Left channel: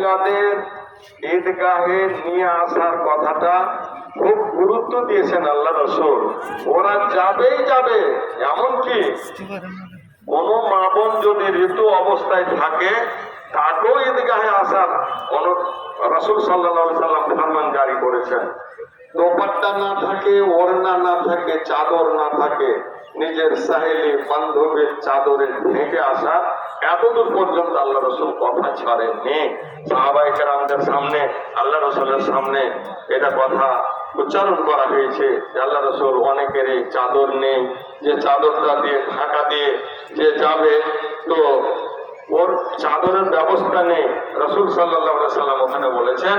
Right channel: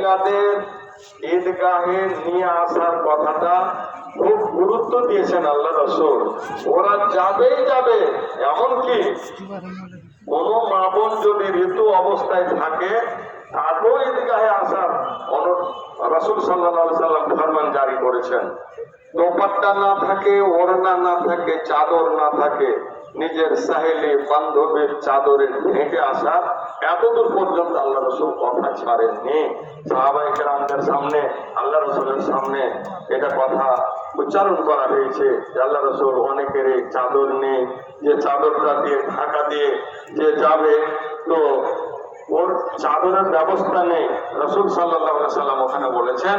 মহিলাদের ঈদগাহে নিয়ে আসার কথাটা খুব গুরুত্ব দিয়েছেন আল্লাহ রাসূল। ওরা যাবেই যাবে, এমনকি কোনো মা বোন যদি ঋতু অবস্থায় থাকে তাকেও ঈদগাহে আসার রাসূল সাল্লাল্লাহু আলাইহি সাল্লাম ফরমান জারি করেছেন। দোপাট্টা না থাকে, ওড়না না থাকে, চাদর না থাকে, নিজের সাহেলি বান্ধবীর চাদরে ঢেকে আসা, এতদূর পর্যন্ত আল্লাহ রাসূল কথা ছাড়েননি। সাহাবায়ে কেরামদের সামনে, আল্লাহ রাসূলের সামনে এটা কথা উচ্চারণ করা হয়েছে যে আল্লাহ রাসূল অনেকেরই চাদর নেই, যে চাদরটা দিয়ে ঢাকা দিয়ে যে যাবে তো ওর চাদরের ব্যবস্থা নেই। রাসূল সাল্লাল্লাহু আলাইহি সাল্লাম ওখানে বলেছেন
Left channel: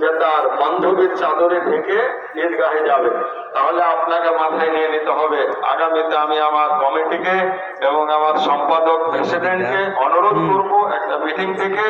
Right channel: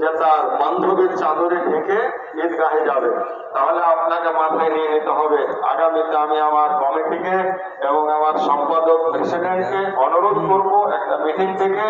যে তার বান্ধবীর চাদরে ঢেকে ঈদগাহে যাবে। তাহলে আপনাকে মাথায় নিয়ে নিতে হবে, আগামীতে আমি আমার কমিটিকে এবং আমার সম্পাদক প্রেসিডেন্টকে অনুরোধ করব একটা মিটিং থেকে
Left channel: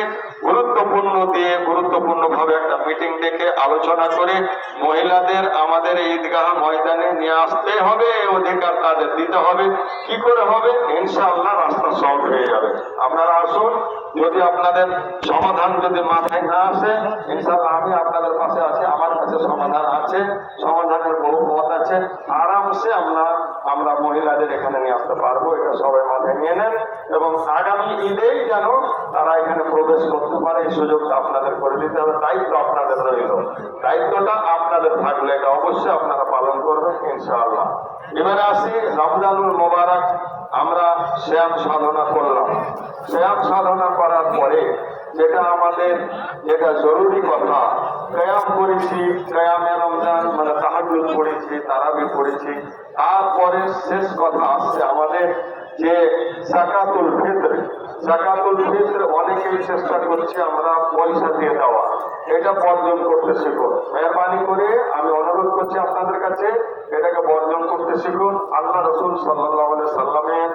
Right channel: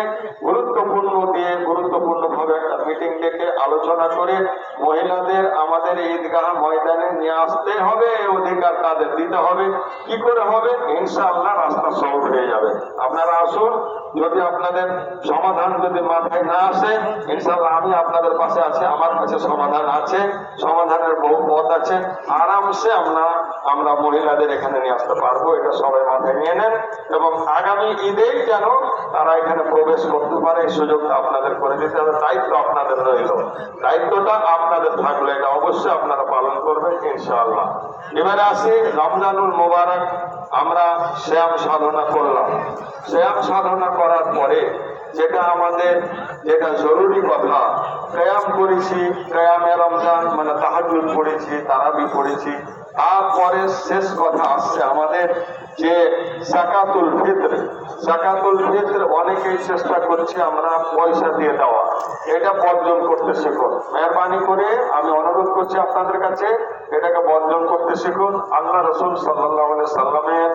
গুরুত্বপূর্ণভাবে একটা মিটিং ডেকে আলোচনা করে মহিলাদের আমাদের ঈদগাহ ময়দানে নিয়ে আসতে হবে, অধিকার তাদের দিতে হবে। কি করে হবে? ইনশাআল্লাহ রাস্তা সহজ হয়ে যাবে। আপনারা আসুন, যদি আপনাদের সমাধান যদি মাথায় না আসে, ইনশাআল্লাহ আমি আপনাদের পাশে আছি, আমার কাছে সমাধান আছে, সমাধানের বহু পথ আছে। আরামসে আমরা মহিলাদের এখানে নিয়ে আসতে পারবো, এটা সবাই মাথায় নিয়ে নেন। এবং আগামী ঈদেই যেন তারা এখানে প্রবেশ করতে পারে এই সুযোগটা আপনাদের করে দিতে হবে। দায়িত্ব আপনাদের রইল, দায়িত্বটা আপনাদের থাকলে এটা অবশ্যই আপনারা পালন করবেন ইনশাআল্লাহ। এবারে আসি রমজানুল মোবারক, আমরা শ্যাম সাধনা করলাম। শ্যাম সাধনা করার পরে যেটা জরুরি কথা, কিয়াম করেছি, কিয়ামে রমজান মানে তাহাজ্জুদ পড়েছি, তারাবি পড়েছি। তারপরে শেষ কথা আসছে আমাদের যে যাকাতুল ফিতর। যাকাতুল ফিতর অনেকেই চেষ্টা করছে আমরা পয়সা দিয়ে দেওয়া, এটা বর্জন করতে শিখুন। মেহরবানি করে আমি অনুরোধ করছি আপনাদের কাছে, এটাকে বর্জন করতে শিখুন। আল্লাহ রাসূল সাল্লাল্লাহু আলাইহি সাল্লামের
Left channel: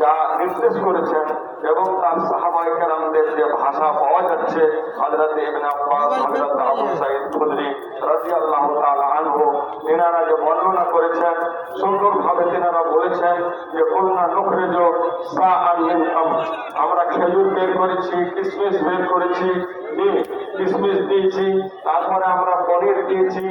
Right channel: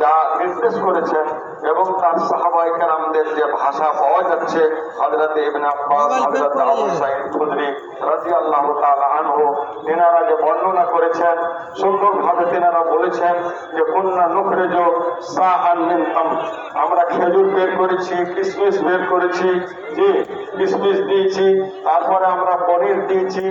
যা নির্দেশ করেছেন এবং তার সাহাবায়ে কেরামদের যে ভাষা পাওয়া যাচ্ছে, হযরত ইবনে আব্বাস, হযরত আবু সাঈদ খুদরি রাদিয়াল্লাহু তাআলা আনহু, তিনারা যে বর্ণনা করেছেন, সুন্দরভাবে তিনারা বলেছেন যে কুননা নুখরিজু সাআন মিন তামর, আমরা খেজুর বের করেছি, কিশমিশ বের করেছি, যে কিশমিশ দিয়েছি, তারপরে আমরা পনির দিয়েছি,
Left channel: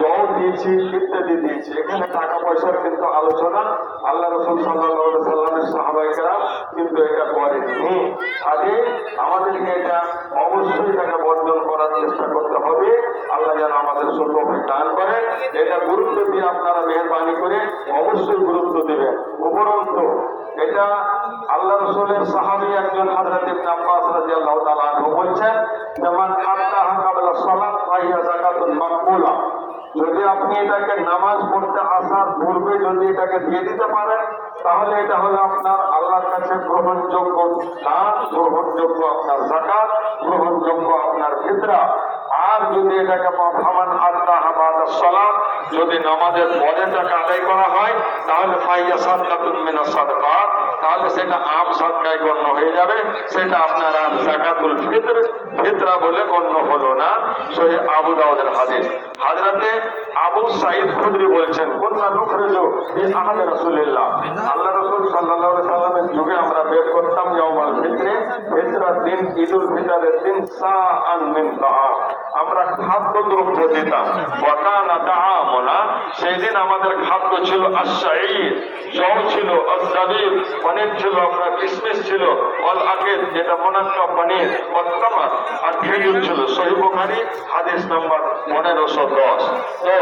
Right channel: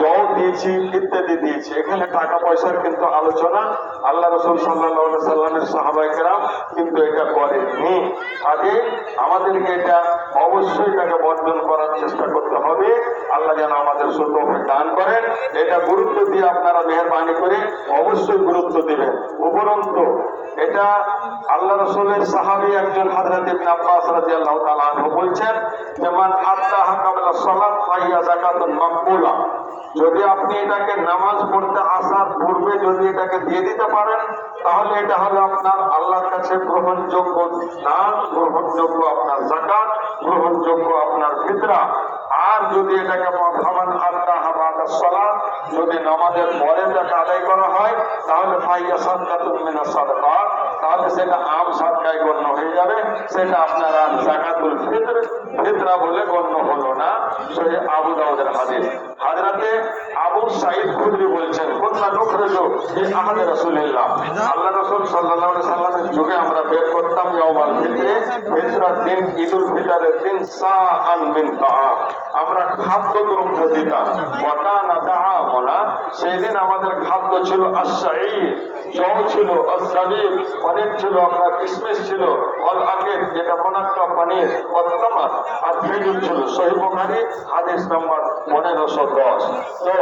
জল দিয়েছি, ইত্যাদি দিয়েছি। এখানে টাকা পয়সার কিন্তু আলোচনা আল্লাহ রাসূল সাল্লাল্লাহু আলাইহি সাল্লামের সাহাবায়ে কেরাম কিন্তু এটা করেননি। আগে আমাদেরকে এটা অবশ্যই এটাকে বর্জন করার চেষ্টা করতে হবে। আল্লাহ যেন আমাদের সুতৌফিক দান করেন। এটা গুরুত্ব দিয়ে আপনারা মেহরবানি করে অবশ্যই গুরুত্ব দিবেন। উপরন্তু এটা আল্লাহ রাসূলের সাহাবী একজন হযরত ইবনে আব্বাস রাদিয়াল্লাহু তাআলা আনহু বলছেন, যেমন আত্তাহা ক্বাবলা সালাত ফাহিয়া যাকাতুন মাকবুলা, যদি আপনি এটাকে নামাজ পড়তে আসার পূর্বে যদি এটাকে দিয়ে দিতে পারেন, তাহলে এটা হলো আপনার আল্লাহর কাছে গ্রহণযোগ্য দান, গ্রহণযোগ্য আপনার যাকাত, গ্রহণযোগ্য আপনার ফিতরা। আর যদি এটাকে ফামান আত্তাহা বাদা সালাত, যদি নামাজের পরে টাকা আদায় করা হয়, তাহলে ফাহিয়া সাদকাতুন মিনাস সাদাকাত, তাহলে সেটা আম সাদকায় গণ্য হয়ে যাবে, সেটা আপনার আর যাকাতুল ফিতরা বলে গণ্য হলো না। সহিহ আবু দাউদের হাদিস। হযরতে আবু সাঈদ খুদরি বলছেন, কুননা নুখরিজু ফি আহদি রাসূলিল্লাহ, আল্লাহ রাসূল সাল্লাল্লাহু আলাইহি সাল্লামের যুগে আমরা বের করতাম ইয়াউমুল ফিতরে, ফিতরার দিন, ঈদুল ফিতরের দিন, সাআন মিন তাআম, আমরা খাদ্যদ্রব্য দিতাম। ওয়া কানা তাআমুনা, সেই দিন আমাদের খাদ্য ছিল আশ-শাঈর, জল ছিল, আজ-জাবিব, পনির ছিল, আপনার কিশমিশ ছিল, ওয়াল আকিদ, যেটা মুনাক্কা পনির, ওয়াত তামার, আর খেজুর ছিল। সহিহ বুখারী হাদিস নম্বর 1510। তো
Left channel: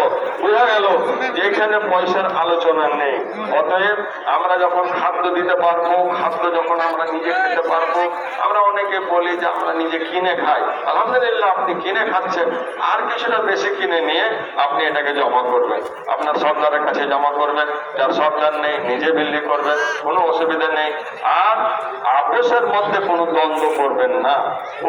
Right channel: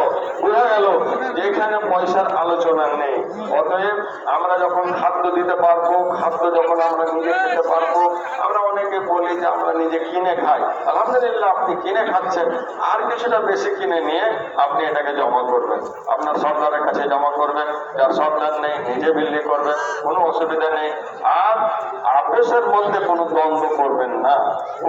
বোঝা গেল যে এখানে পয়সার আলোচনা নেই। অতএব আমরা যখন খাদ্য দিতে পারবো, খাদ্য যখন আমরা নিজে খেতে পারবো, আমরা অনেকে বলি যে আমরা নিজে কিনে খাই। আলহামদুলিল্লাহ, আপনি কিনে খাচ্ছেন, আর কিছুটা বেশি কিনে নিয়ে আপনি এটাকে জমা করবেন, আপনার সরকারের কাছে জমা করবেন। যার সরকার নেই নিজে বিল্লি করবেন, কোনো অসুবিধা নেই। আর আপোষের মধ্যে কোনো দ্বন্দ্ব করবেন না।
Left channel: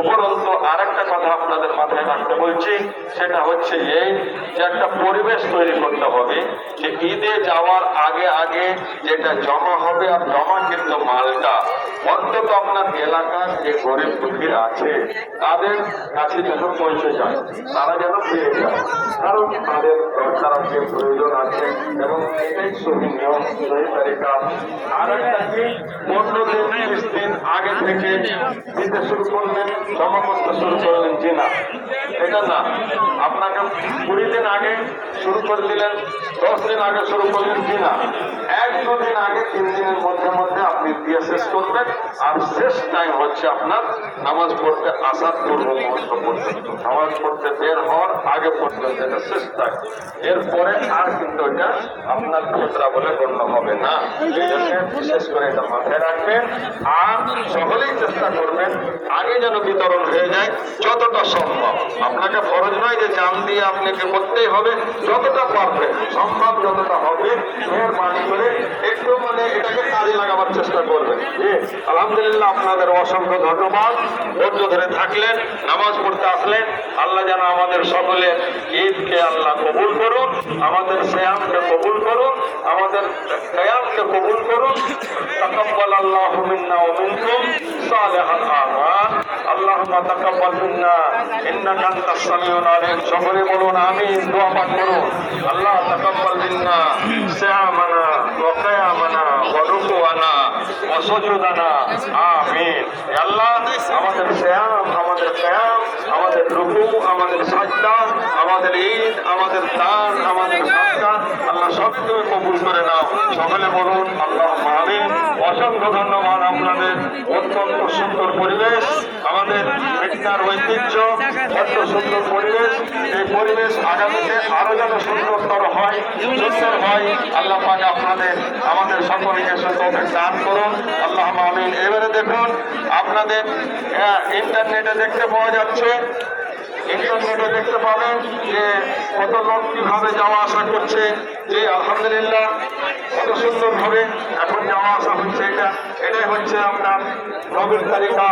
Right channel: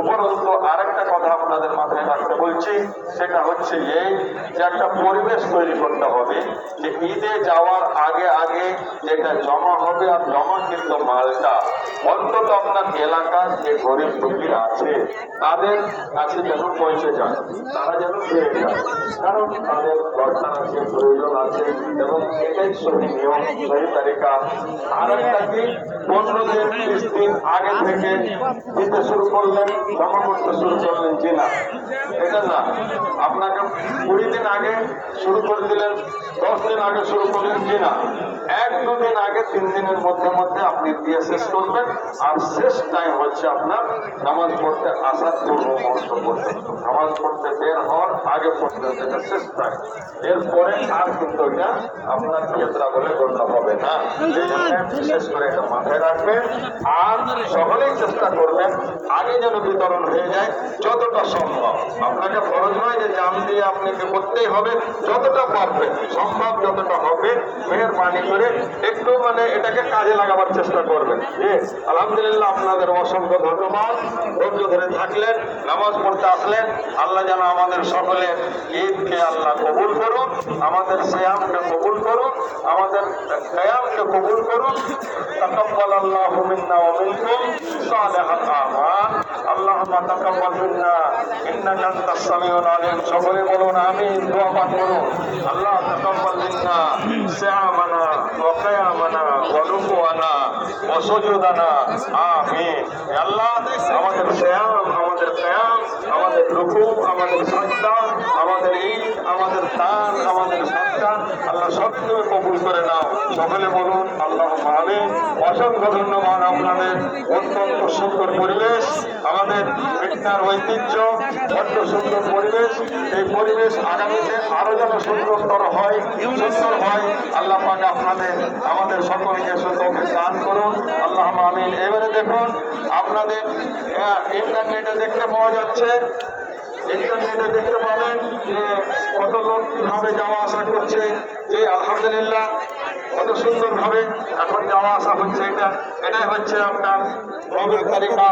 উপরন্তু আরেকটা কথা আপনাদের মাথায় রাখতে বলছি, সেটা হচ্ছে এই যে একটা পরিবেশ তৈরি করতে হবে যে ঈদে যাওয়ার আগে আগে যেটা জমা হবে, আর জমা কিন্তু মালটা অন্তত আপনার এলাকার যে গরিব দুঃখীরা আছে তাদের কাছে যেন পৌঁছে যায়, তারা যেন পেয়ে যায়, কারণ তাদের দরকার আছে, প্রয়োজন আছে, এবং এটাই সহি নিয়ম, সহি তারিকা। আর একটা কি, 15 দিন 30 দিন আগে থেকে দিতে শুরু করলেন, জমা করতে শুরু করলেন, যে শুরু করে দিলেন, 10 দিন আগে শুরু করলেন কিনা, 1-2 দিন আগে 3 দিনের মধ্যে মধ্যে আপনি দিয়ে শেষ করবেন। আর শেষ টাইম হচ্ছে আপনার নামাজ পড়তে আসার পূর্ব মুহূর্ত পর্যন্ত, নামাজ পড়তে বের হওয়ার আগে পর্যন্ত এটা শেষ টাইম। এরপরে আর কিন্তু এটা আপনার ফিতরা বলে গণ্য হবে না। বিশেষ করে এটা মাথায় রাখবেন। আর সকলেই চেষ্টা করবেন আগে যেন বিতরণ হয়ে যায় যতটা সম্ভব। আপনাকে ফরজ নয় যে জান দিয়ে আপনাকে করতেই হবে, যতটা পারবেন সম্ভব যতটা হবে মেহেরবানি করে একটু এটাকে কাজে লাগাবার চেষ্টা করবেন। আলহামদুলিল্লাহ, আপনাদের অসংখ্য ধন্যবাদ। ধৈর্য ধরে থাকলেন, নামাজ পড়তে আসলেন। আল্লাহ যেন আমাদের সকলের ঈদকে আল্লাহ কবুল করুন, আমাদের সিয়ামকে কবুল করুন, আমাদের কিয়ামকে কবুল করুন। তাকাব্বালাল্লাহু মিন্না ওয়া মিনকুম সালিহাল আমাল। আল্লাহুম্মা তাকাব্বাল মিন্না ইন্নাকা আনতাস সামিউল আলিম। সকলে বলুন আমিন, দোয়া পাঠ করুন। আল্লাহ তাকাব্বাল মিন্না সিয়ামানা ওয়া কিয়ামানা ওয়া রুকুআনা ওয়া সুজুদানা। আমিন। আল্লাহ আমাদের সিয়াম, আমাদের কিয়াম, আমাদের রুকু, আমাদের সাজদা, আমাদের ঈদ, আমাদের দান, আমাদের সাদকাত আল্লাহ সব তুমি কবুল করে নাও। সকলে বলুন আল্লাহুম্মা আমিন। অসংখ্য ধন্যবাদ আপনাদের। অত্যন্ত সুন্দর পরিবেশ, আমাদের মেঘনার ঐতিহ্য, এত সুন্দর পরিবেশ। এই পরিবেশ আগামীতে আরো যেন সুন্দরতর হয়, সুন্দর হয়। আল্লাহ পাক আপনাদের আমাদের সকলকে সুন্দর দান করুন। আল্লাহুম্মা আমিন। এবারে দেখুন, আপনাদের ইন্টারনেটে দেখতে পাওয়া যাচ্ছে, ইন্টারনেটে দেখতে পাবেন যে কত লোক কিভাবে যাওয়া আসা করছে। যে আলহামদুলিল্লাহ কত সুন্দর ভাবে এখন যাওয়া আসা হচ্ছে। এটাই হচ্ছে আপনার নবীর তালিকা।